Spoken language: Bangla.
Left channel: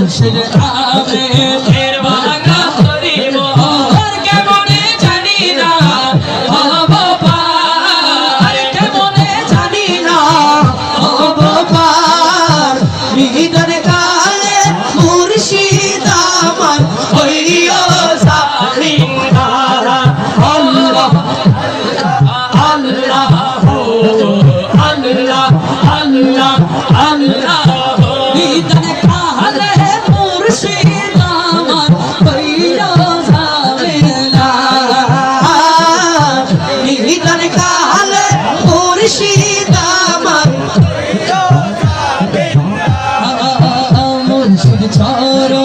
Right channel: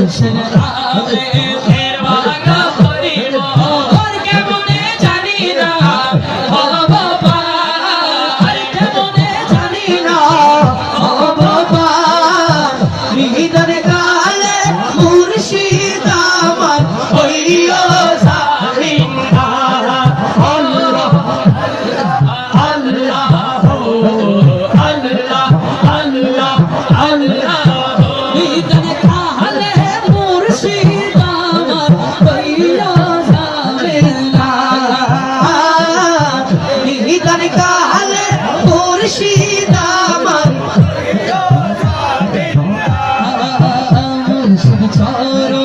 মুর্শিদ নামে ঢের ভাঙা করিব আর কেমনে জানি না ও বাবা আর কেমনে জানি না ও বাবা নিদার কালে মুর্শিদ আমার হইও জালিম না আল্লাহ আল্লাহ আল্লাহ আল্লাহ আল্লাহ নিদার কালে মুর্শিদ আমার হইও জালিম না নিদার কালে মুর্শিদ আমার মুর্শিদ ছাড়া